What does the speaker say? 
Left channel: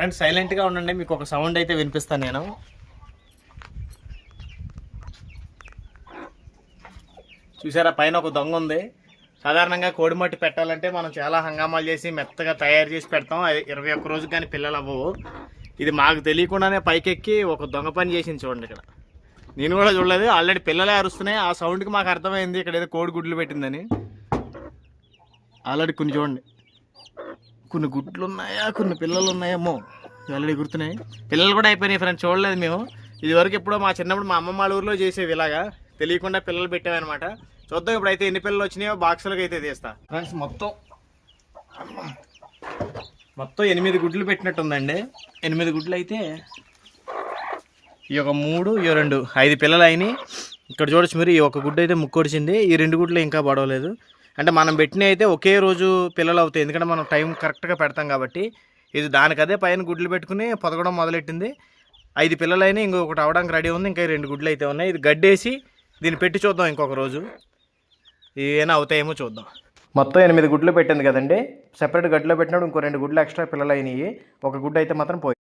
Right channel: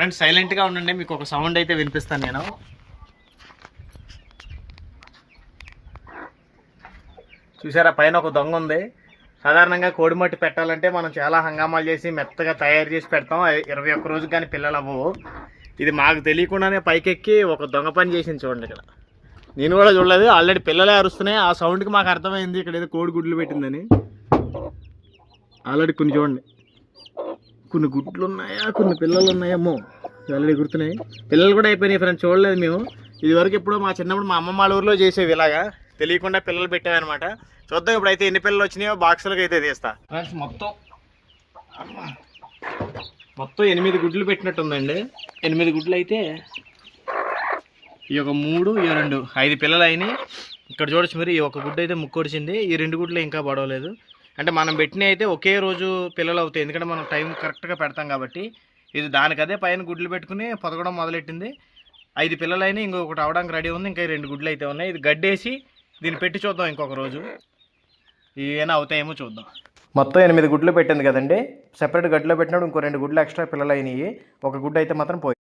Friends సైలెంట్గా ఉండండి మీకు ఒక సౌండ్ అయితే వినిపిస్తాను నేను. చూసారా పైన ఒక దొంగ ఉంది. సాధారణంగా కోడిమట్టి పెట్టాలంటే మనం చాలా హంగామాలు చేసి మెత్తగా తయారు చేసి పెడతాం. అది ఇరవై ఒక్క రోజు కానీ పిల్లలు అవ్వవు. ఇది మాకు తెలియకుండానే పైకెక్కి ఒక దొంగ పని చేసింది చూడండి ఇక్కడ. నేను కూడా చూడలేదు. ఆల్రెడీ పిల్లలే అరుస్తున్నాయి. ఆ సౌండ్కి మాకు అర్థమైంది ఇక్కడ ఏదో కోడి గుడ్లు పెట్టిందని. ఆల్రెడీ కొన్ని చూడండి. కొన్ని గుడ్లు ఉన్నాయా కొన్ని పిల్లలు ఉన్నాయేమో ఆల్రెడీ గుర్తున్నాయి. పిల్లలు కూడా అయిపోయినాయి ఫ్రెండ్స్ చూడలేదు మేము. ఇది వరకు ఎప్పుడో మా చిన్నప్పుడు మా అమ్మమ్మ వాళ్ళ ఊర్లో చేసేవి ఇలాగా. తెలియకుండా పిల్లలు పెట్టామన్నమాట చూద్దాం ఇప్పుడైతే ఎన్ని పిల్లలు వచ్చినాయో బాక్సులకు అయితే తీస్తా. ఫ్రెండ్స్ మొత్తం అమ్మా. మొత్తం ఎనిమిది గుడ్లు పెట్టినట్టుందండి. ఎనిమిది గుడ్లు అయితే ఈ ఒక మూడు ఈ రెండు ఐదు పిల్లలు అయినాయి. ఇక్కడ చూడొచ్చు మరి ఈ ఒక గుడ్డు అయితే ముక్కొడిచింది ఈ రెండు గుడ్లు ఇంకా పడవలేదు. అంటే మనం పెట్టిన అయితే ఒకే రోజు పిల్లలు అవుతాయి. ఎందుకంటే మనం టైం కరెక్ట్గా పెడతాం కాబట్టి ఇది దానికదే పైన గుడ్లు పెట్టుకుని పొదగడం మొదలెట్టింది. ఐదు పిల్లలైనా ఇంకొకటి అవడానికి రెడీ ఉంది. ఇంకా రెండు గుడ్లు అయితే ఉన్నాయి. ఇది గడ్డేసి దీన్ని పెట్టి చూద్దాం ఇంకొక రోజు. ఏమైనా అవుతాయేమో చూద్దాం. మొత్తం ఎనిమిది గుడ్లు పెట్టింది కదండి. సెపరేట్ గడ్డలో పెట్టినప్పుడు ఇంకో రెండు గుడ్లు ఎక్స్ట్రా పిల్లలు అయినాయి ఒక గుడ్డు అయితే మాత్రం పోయి